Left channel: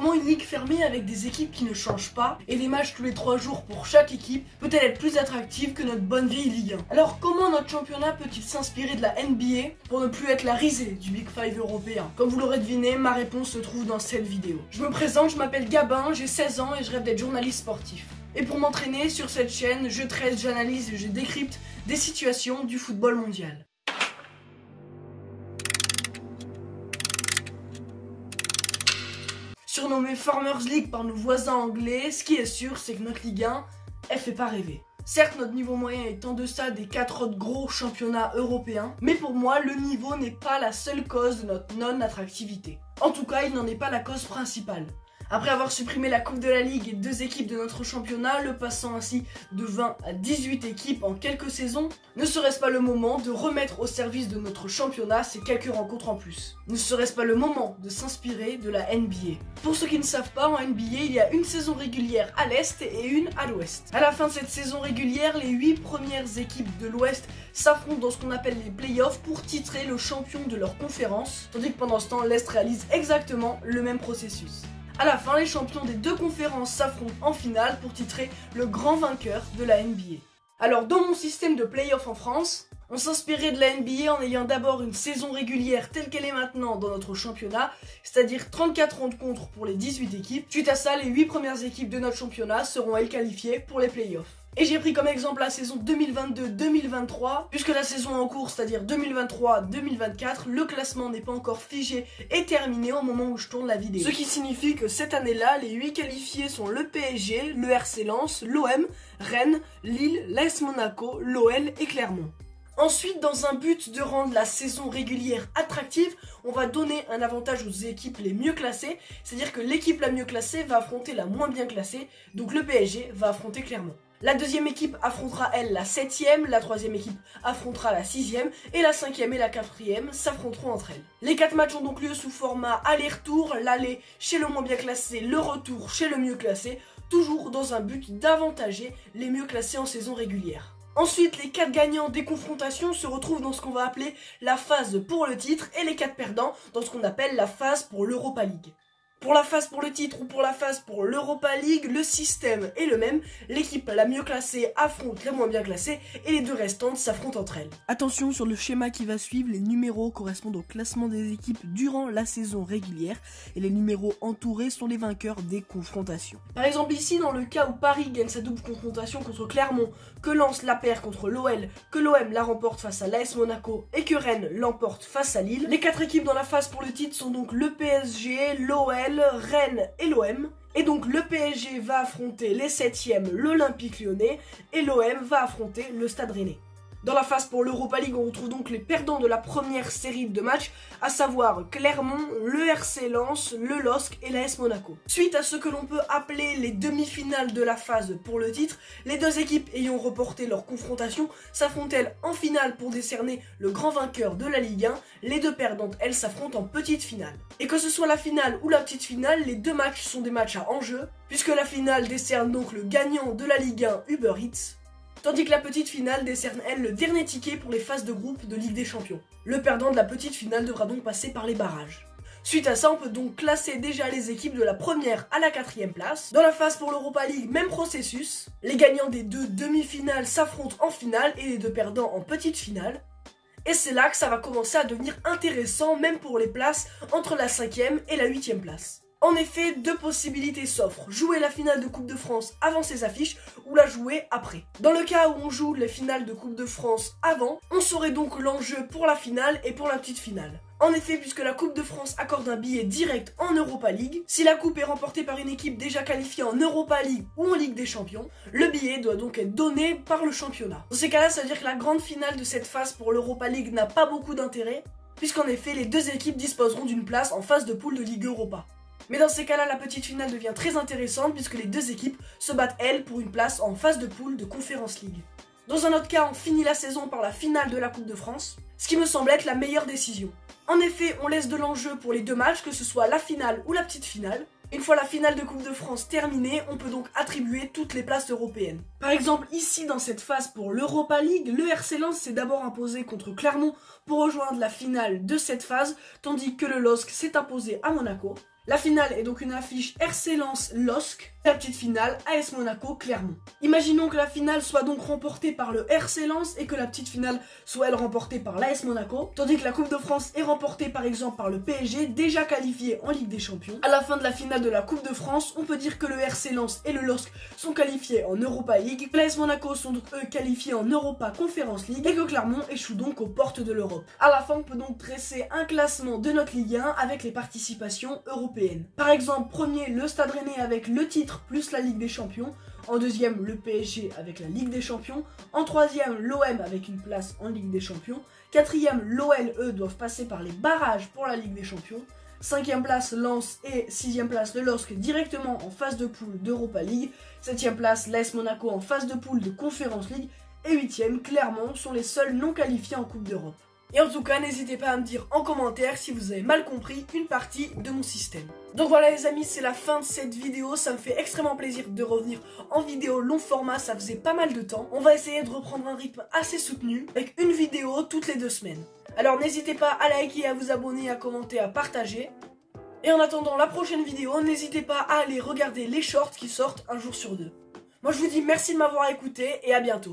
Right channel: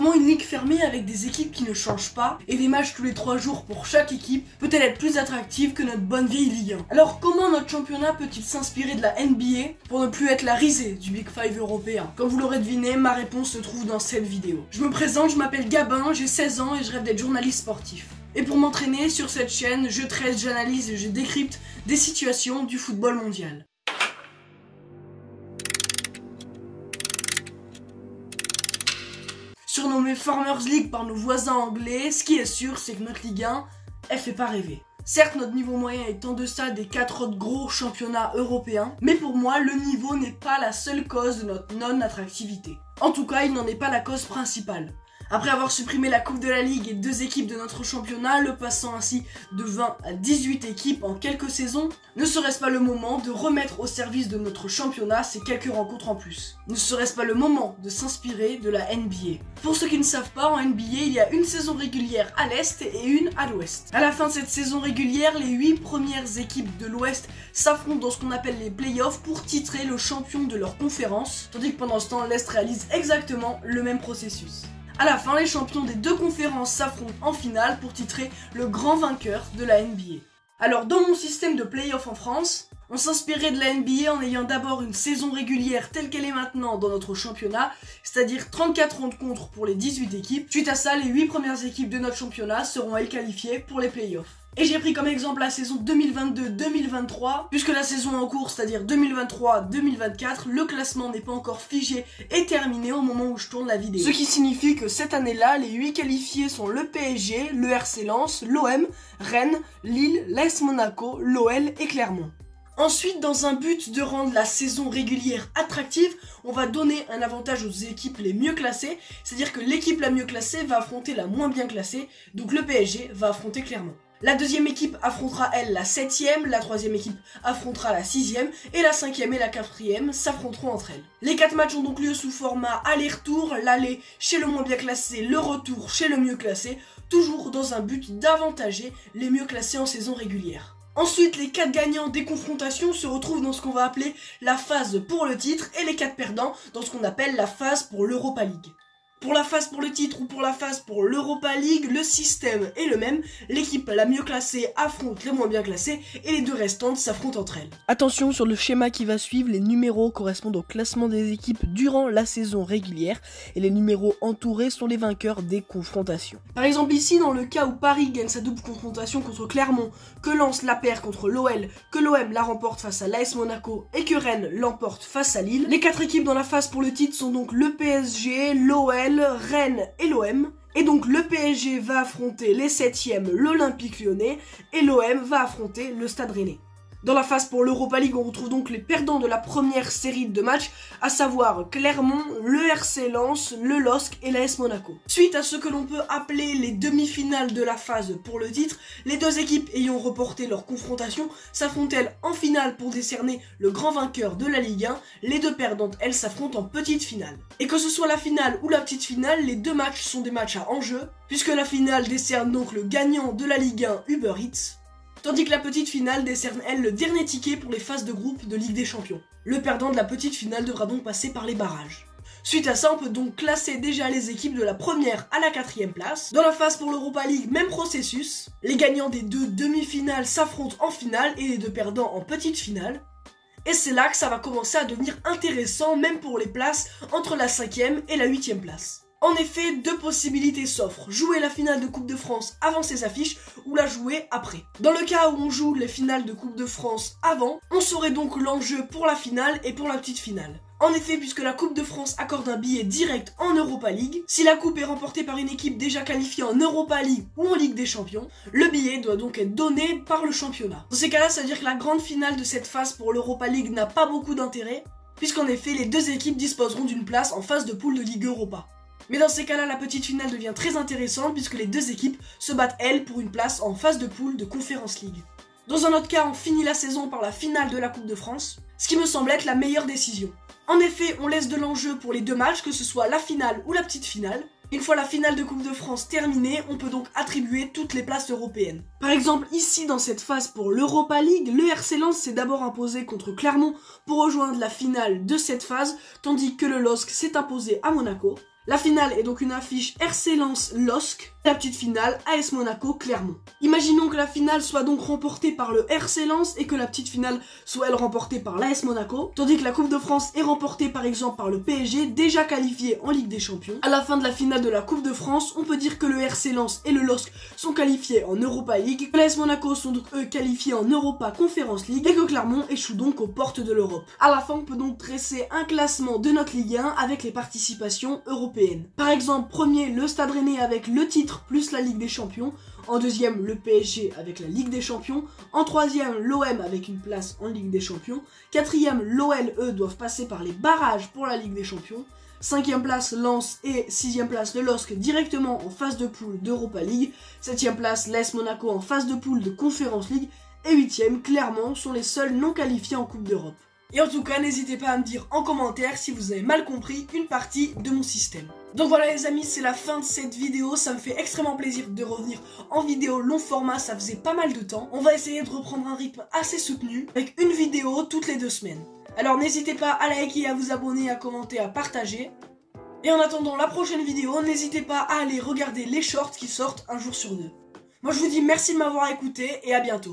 comment une ligue fermée avec des équipes qui ne changent pas et des matchs tous les 3 jours pour chaque équipe peut-elle être plus attractive que notre bonne vieille Ligue 1? Alors comment notre championnat peut-il s'inspirer de la NBA pour ne plus être la risée du Big Five européen? Comme vous l'aurez deviné, ma réponse se trouve dans cette vidéo. Je me présente, je m'appelle Gabin, j'ai 16 ans et je rêve d'être journaliste sportif. Et pour m'entraîner sur cette chaîne, je traite, j'analyse et je décrypte des situations du football mondial. Surnommée Farmers League par nos voisins anglais, ce qui est sûr, c'est que notre Ligue 1, elle fait pas rêver. Certes, notre niveau moyen est en deçà des 4 autres gros championnats européens, mais pour moi, le niveau n'est pas la seule cause de notre non-attractivité. En tout cas, il n'en est pas la cause principale. Après avoir supprimé la Coupe de la Ligue et 2 équipes de notre championnat, le passant ainsi de 20 à 18 équipes en quelques saisons, ne serait-ce pas le moment de remettre au service de notre championnat ces quelques rencontres en plus? Ne serait-ce pas le moment de s'inspirer de la NBA? Pour ceux qui ne savent pas, en NBA, il y a une saison régulière à l'Est et une à l'Ouest. À la fin de cette saison régulière, les 8 premières équipes de l'Ouest s'affrontent dans ce qu'on appelle les playoffs pour titrer le champion de leur conférence, tandis que pendant ce temps, l'Est réalise exactement le même processus. À la fin, les champions des 2 conférences s'affrontent en finale pour titrer le grand vainqueur de la NBA. Alors dans mon système de play-off en France, on s'inspirait de la NBA en ayant d'abord une saison régulière telle qu'elle est maintenant dans notre championnat, c'est-à-dire 34 rencontres pour les 18 équipes. Suite à ça, les 8 premières équipes de notre championnat seront elles qualifiées pour les play-offs. Et j'ai pris comme exemple la saison 2022-2023, puisque la saison en cours, c'est-à-dire 2023-2024, le classement n'est pas encore figé et terminé au moment où je tourne la vidéo. Ce qui signifie que cette année-là, les 8 qualifiés sont le PSG, le RC Lens, l'OM, Rennes, Lille, l'AS Monaco, l'OL et Clermont. Ensuite, dans un but de rendre la saison régulière attractive, on va donner un avantage aux équipes les mieux classées, c'est-à-dire que l'équipe la mieux classée va affronter la moins bien classée, donc le PSG va affronter Clermont. La deuxième équipe affrontera elle la 7ème, la troisième équipe affrontera la 6ème et la 5ème et la 4ème s'affronteront entre elles. Les 4 matchs ont donc lieu sous format aller-retour, l'aller chez le moins bien classé, le retour chez le mieux classé, toujours dans un but d'avantager les mieux classés en saison régulière. Ensuite, les 4 gagnants des confrontations se retrouvent dans ce qu'on va appeler la phase pour le titre et les 4 perdants dans ce qu'on appelle la phase pour l'Europa League. Pour la phase pour le titre ou pour la phase pour l'Europa League, le système est le même. L'équipe la mieux classée affronte les moins bien classées et les 2 restantes s'affrontent entre elles. Attention, sur le schéma qui va suivre, les numéros correspondent au classement des équipes durant la saison régulière et les numéros entourés sont les vainqueurs des confrontations. Par exemple ici, dans le cas où Paris gagne sa double confrontation contre Clermont, que Lens la perd contre l'OL, que l'OM la remporte face à l'AS Monaco et que Rennes l'emporte face à Lille, les 4 équipes dans la phase pour le titre sont donc le PSG, l'OL, Rennes et l'OM. Et donc le PSG va affronter les 7ème, l'Olympique Lyonnais, et l'OM va affronter le Stade Rennais. Dans la phase pour l'Europa League, on retrouve donc les perdants de la première série de matchs, à savoir Clermont, le RC Lens, le LOSC et l'AS Monaco. Suite à ce que l'on peut appeler les demi-finales de la phase pour le titre, les 2 équipes ayant reporté leur confrontation s'affrontent-elles en finale pour décerner le grand vainqueur de la Ligue 1, les 2 perdantes elles s'affrontent en petite finale. Et que ce soit la finale ou la petite finale, les 2 matchs sont des matchs à enjeu, puisque la finale décerne donc le gagnant de la Ligue 1 Uber Eats, tandis que la petite finale décerne elle le dernier ticket pour les phases de groupe de Ligue des Champions. Le perdant de la petite finale devra donc passer par les barrages. Suite à ça, on peut donc classer déjà les équipes de la première à la 4ème place. Dans la phase pour l'Europa League, même processus. Les gagnants des 2 demi-finales s'affrontent en finale et les 2 perdants en petite finale. Et c'est là que ça va commencer à devenir intéressant, même pour les places entre la 5ème et la 8ème place. En effet, 2 possibilités s'offrent, jouer la finale de Coupe de France avant ces affiches ou la jouer après. Dans le cas où on joue les finales de Coupe de France avant, on saurait donc l'enjeu pour la finale et pour la petite finale. En effet, puisque la Coupe de France accorde un billet direct en Europa League, si la coupe est remportée par une équipe déjà qualifiée en Europa League ou en Ligue des Champions, le billet doit donc être donné par le championnat. Dans ces cas-là, ça veut dire que la grande finale de cette phase pour l'Europa League n'a pas beaucoup d'intérêt, puisqu'en effet, les 2 équipes disposeront d'une place en phase de poule de Ligue Europa. Mais dans ces cas-là, la petite finale devient très intéressante puisque les 2 équipes se battent, elles, pour une place en phase de poule de Conference League. Dans un autre cas, on finit la saison par la finale de la Coupe de France, ce qui me semble être la meilleure décision. En effet, on laisse de l'enjeu pour les 2 matchs, que ce soit la finale ou la petite finale. Une fois la finale de Coupe de France terminée, on peut donc attribuer toutes les places européennes. Par exemple, ici dans cette phase pour l'Europa League, le RC Lens s'est d'abord imposé contre Clermont pour rejoindre la finale de cette phase, tandis que le LOSC s'est imposé à Monaco. La finale est donc une affiche RC Lens LOSC, la petite finale AS Monaco Clermont. Imaginons que la finale soit donc remportée par le RC Lens et que la petite finale soit elle remportée par l'AS Monaco, tandis que la Coupe de France est remportée par exemple par le PSG, déjà qualifié en Ligue des Champions. À la fin de la finale de la Coupe de France, on peut dire que le RC Lens et le LOSC sont qualifiés en Europa League, que l'AS Monaco sont donc eux qualifiés en Europa Conference League et que Clermont échoue donc aux portes de l'Europe. À la fin, on peut donc dresser un classement de notre Ligue 1 avec les participations européennes. Par exemple, premier, le Stade Rennais avec le titre plus la Ligue des Champions. En deuxième, le PSG avec la Ligue des Champions. En troisième, l'OM avec une place en Ligue des Champions. Quatrième, l'OL, eux, doivent passer par les barrages pour la Ligue des Champions. Cinquième place, Lens et sixième place, le LOSC directement en phase de poule d'Europa League. Septième place, l'AS Monaco en phase de poule de Conference League. Et huitième, Clermont sont les seuls non qualifiés en Coupe d'Europe. Et en tout cas, n'hésitez pas à me dire en commentaire si vous avez mal compris une partie de mon système. Donc voilà les amis, c'est la fin de cette vidéo. Ça me fait extrêmement plaisir de revenir en vidéo long format, ça faisait pas mal de temps. On va essayer de reprendre un rythme assez soutenu, avec une vidéo toutes les 2 semaines. Alors n'hésitez pas à liker, à vous abonner, à commenter, à partager. Et en attendant la prochaine vidéo, n'hésitez pas à aller regarder les shorts qui sortent un jour sur 2. Moi je vous dis merci de m'avoir écouté et à bientôt.